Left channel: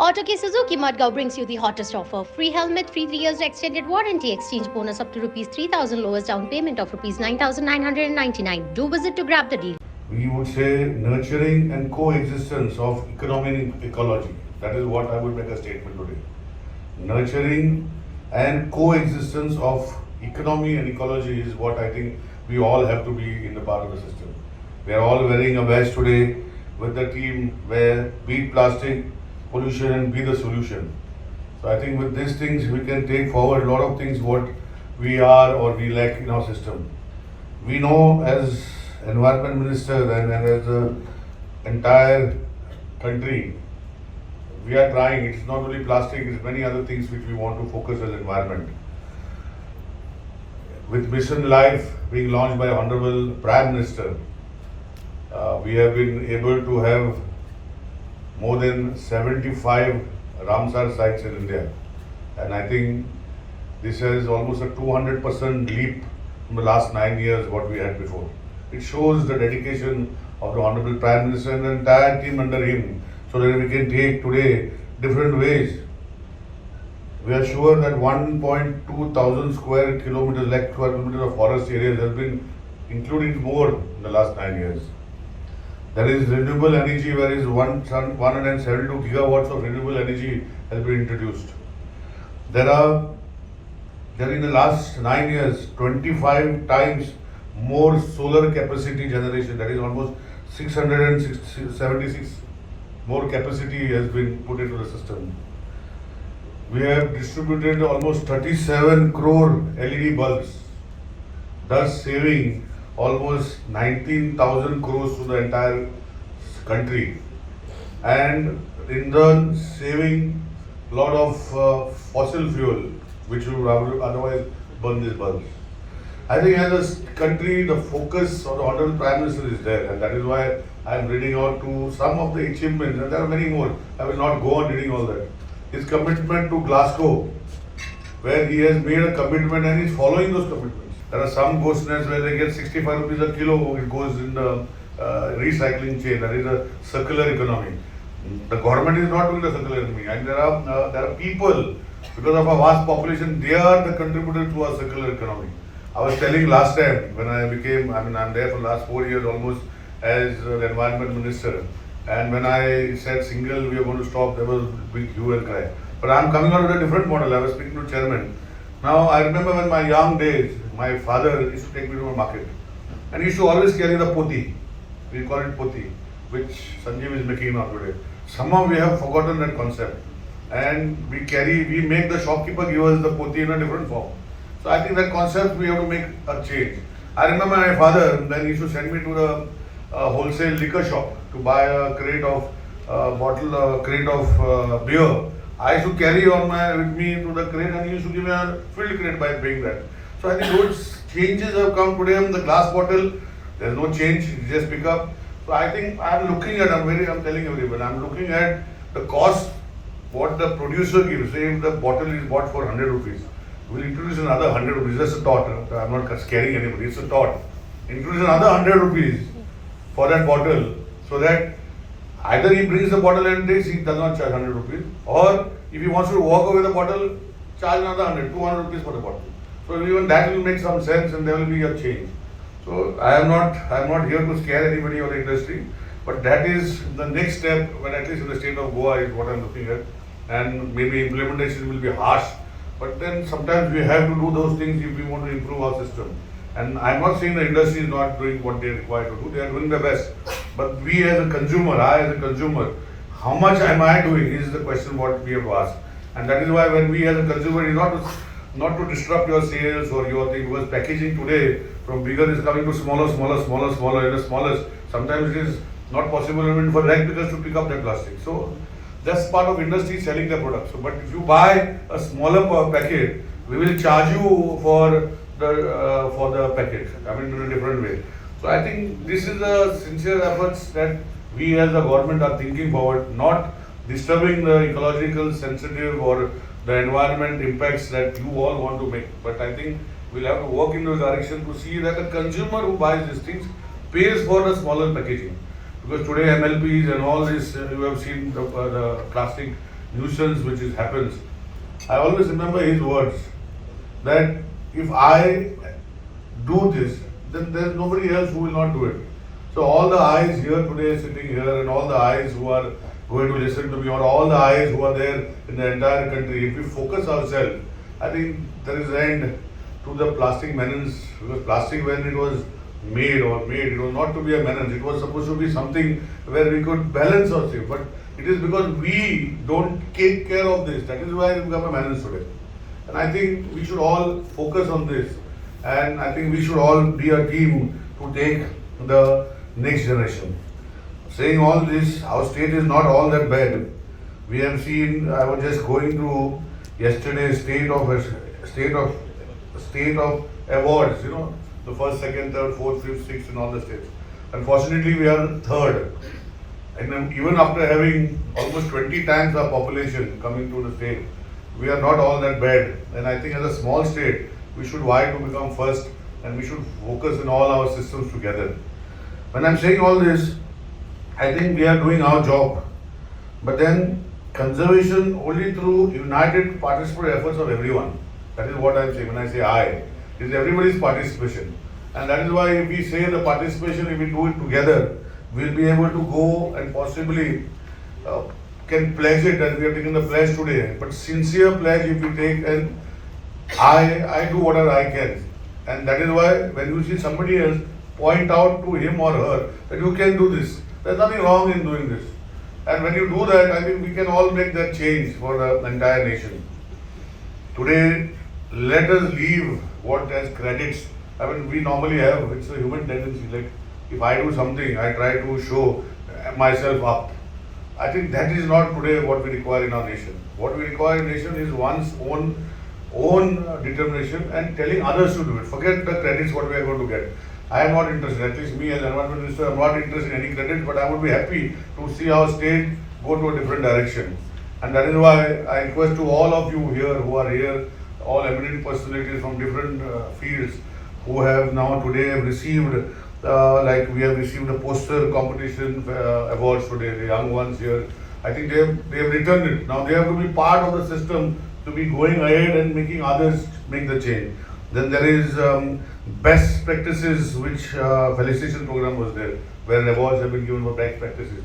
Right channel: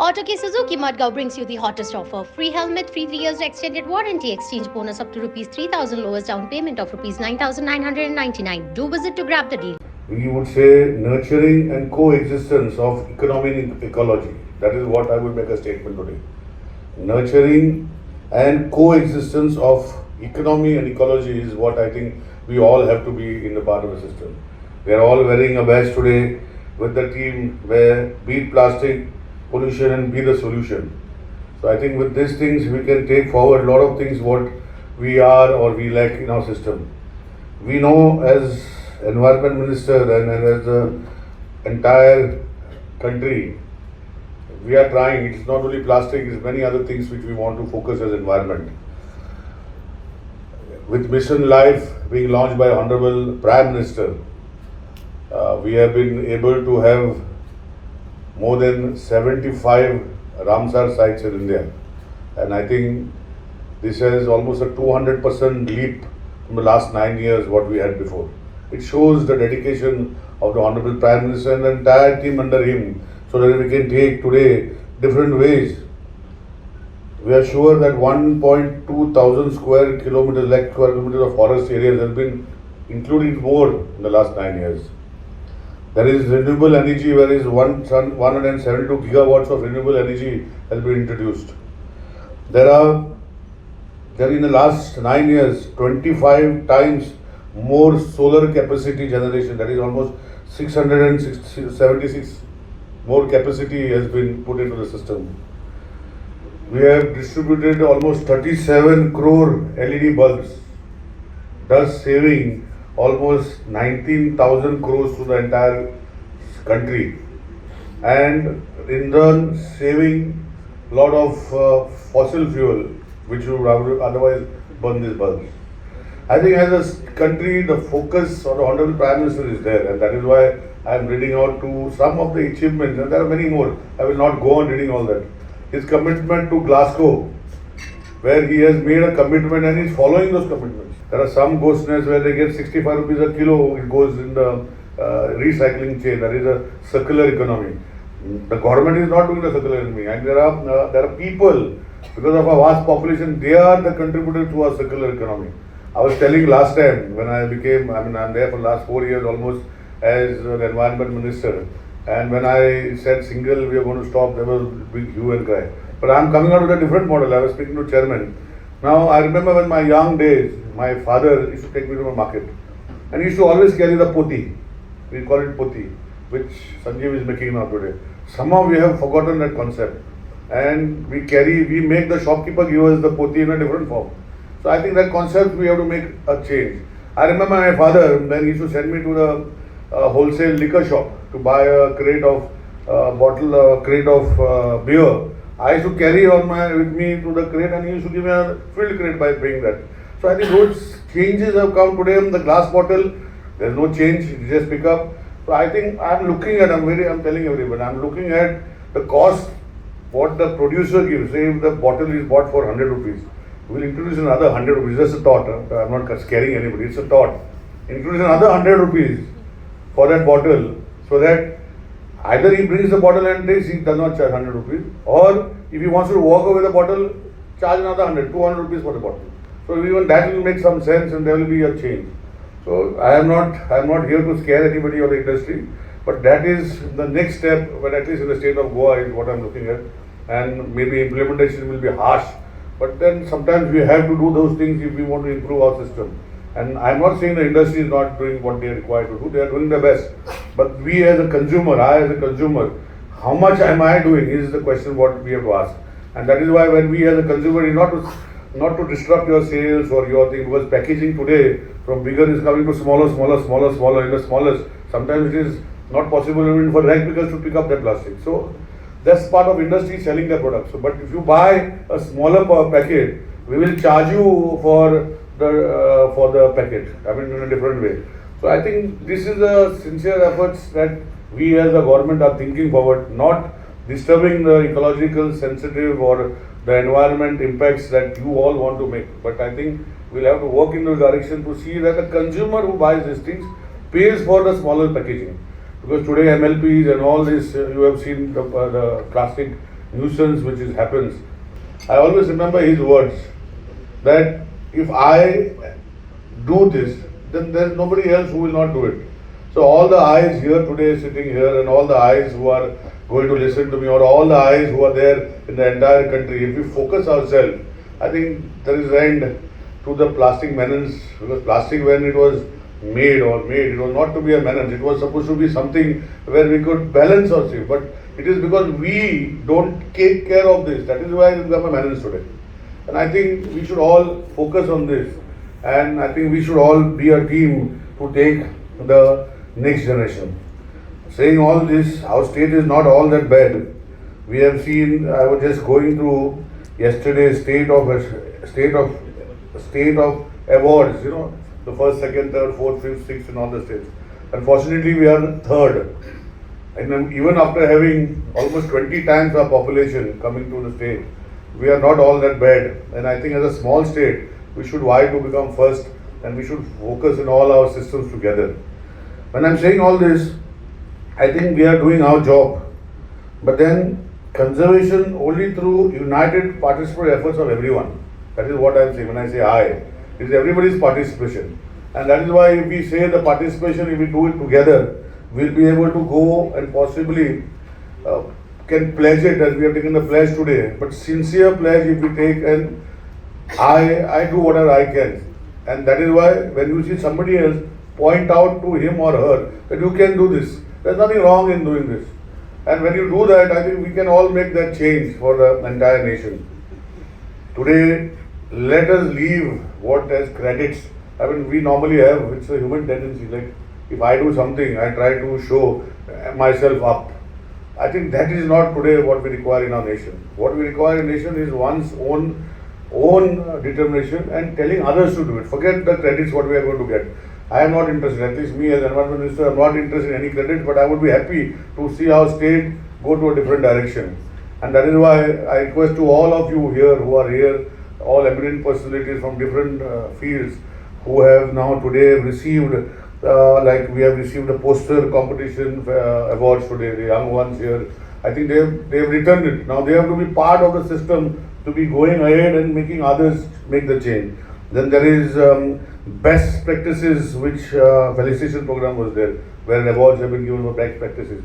Auto K Suzuki Mudgao brings you the hottest offer. Free helmet, free 3 years extended warranty, exchange bonus up to rupees 3,000, lowest down payment of rupees 9,999. Do visit to grab the deal. We would say nurturing and coexistence of economy and ecology. That is what I would make a statement today. Nurturing and coexistence of economy and ecology is what I think we all have to be in the part of the system. We are all wearing a badge today with the team where beat plastic pollution and be the solution. So I think with these things we can take forward a lot of things what we are or we lack in our system. We know as environment minister and as the entire country, we are trying. It's not only plastic, it's many other things which we want to focus as environment. With Mission Life being launched by Honorable Prime Minister, we have been able to have more than 75 Ramsar sites in India. And I think this has almost a 200% leap from the last 9 years what we had before. It shows the dedication of the Honorable Prime Minister and the entire team under him so that we can take today different ways. We are sure that 1.2 thousand square kilometers, lakh square kilometers of forest areas has been included more in the last 9 years. There is renewable energy, whereas 172 gigawatts of renewable energy has been introduced. There in the last 9 years, 25 times more solar capacity generation, that is almost 676 more capacity has been put into the system. We have distributed almost 37 crore LED bulbs, thus saving almost 19,000 crores to the entire country, and in turn saving a lot of fossil fuel which would otherwise burn these bulbs. I think as a country, the focus of the Honorable Prime Minister is there, and that is why I am reading out to some of the achievements, and there are many more. I will not go on reading all that. His commitment to Glasgow, where he has made a commitment and he is following those commitments. There are some ghost nets where they get 65 rupees a kilo, it goes in the recycling chain, that is a circular economy. The government is not doing the circular economy, and there are people, because of our vast population, they are the contributors to our circular economy. I was telling last time when I'm there for the last 4 years almost as an environment minister, and when I said single we are going to stop, there was a big hue and cry. But I'm coming out with a different model. I was speaking to chairman. Now I remember when my young days, my father used to take me to the market, and he used to always carry the poti. We call it poti, which Sanjeev is making now today. Somehow we have forgotten that concept, and we make the shopkeeper give us the poti in a different form. So I think that concept we have to make a change. I remember my father, then he used to send me to the wholesale liquor shop to buy a crate of beer. I used to carry with me to the crate, and he used to give me a filled crate by paying that. So I think those changes have come today in the glass bottle. There's no change, you just pick up. So I think I'm telling everyone, I'm looking at the cost, what the producer gives. Say if the bottle is bought for 100 rupees, we'll introduce another 100 rupees. Just a thought. I'm not scaring anybody. It's a thought. Introduce another 100 rupees for that bottle, so that either he brings the bottle and takes, he does not charge 100 rupees, or if he wants to walk away the bottle, charge another 200 rupees for the bottle. So even that will make some sense, and there will be a change. So I am not here to scare anybody or the industry, but that is the next step. But at least in the state of Goa is what I'm looking at, and maybe implementation will be harsh. But then sometimes we have to do those things if we want to improve our system. And I'm not saying the industry is not doing what they are required to do. They are doing their best. But we as a consumer, I as a consumer, how much am I doing is the question what we have to ask. And that is why when we as a consumer is not to disrupt your sales or your thing, because packaging today from bigger is coming to smaller, and the smallest. Sometimes it is not possible even for rag pickers to pick up that plastic. So that's part of industry selling their products. So, but if you buy a smaller packet, we will charge you for the packet. In a different way. So I think this is a sincere efforts that we as a government are thinking forward, not disturbing the ecological sensitive or the environment impacts that you all want to make. But I think we'll have to work in this direction to see that the consumer who buys these things pays for the smaller packaging. Because today MLPs and all this, you have seen the plastic nuisance which happens. I always remember his words that if I do this, then there's nobody else who will not do it. So all the eyes here today sitting here and all the eyes who are going to listen to me or all the eyes who are there in the entire country, if we focus ourselves, I think there is end to the plastic menace, because plastic when it was made, it was not to be a menace, it was supposed to be something where we could balance ourselves. But it is because we don't take care of this, that is why it become a menace today. And I think we should all focus on this. And I think we should all be a team to take the next generation. Saying all this, our state is not all that bad. We have seen, I was just going through yesterday's state of awards, the first, second, third, fourth, fifth, sixth in all the states. Unfortunately, we are third. And then even after having almost 20 times our population coming to the state, we are not all that bad. And I think as a small state, we should vie to become first and we should focus in all our systems together. When I'm saying all this, I think we are doing our job. But then conservation only through united participatory efforts of everyone. That is what I'm saying when I say I. It is everybody's participation. And that is why if we say the participation, if we do it together, we'll be able to go and possibly can pledge it as we are taking the pledge today. But sincere pledge if we take and I do whatever I can. And that is why when you see somebody else, point out to him or her that you can do this. There's nothing wrong in doing this. And when you do that, I think we can all make that change for the entire nation. Today, let us leave what as credits. I mean, we normally have, it's a human tendency, like if I do something, I try to show myself up. I think that is not today what we require in our nation. What we require in nation is one's own determination and telling others to do it. Forget the credits what we are going to get. I am not interested, at least me as environment minister, I am not interested in any credit, but I would be happy to see our state go to a different direction. And that is why I request to all of you here who are here, all eminent personalities from different fields who have now today received, like we have received the poster competition awards today, the young ones here. I think they have returned it. Now they have to be part of the system to be going ahead and making others make the change. Then there is best practices, which felicitation program was there, where awards have been given for best practices.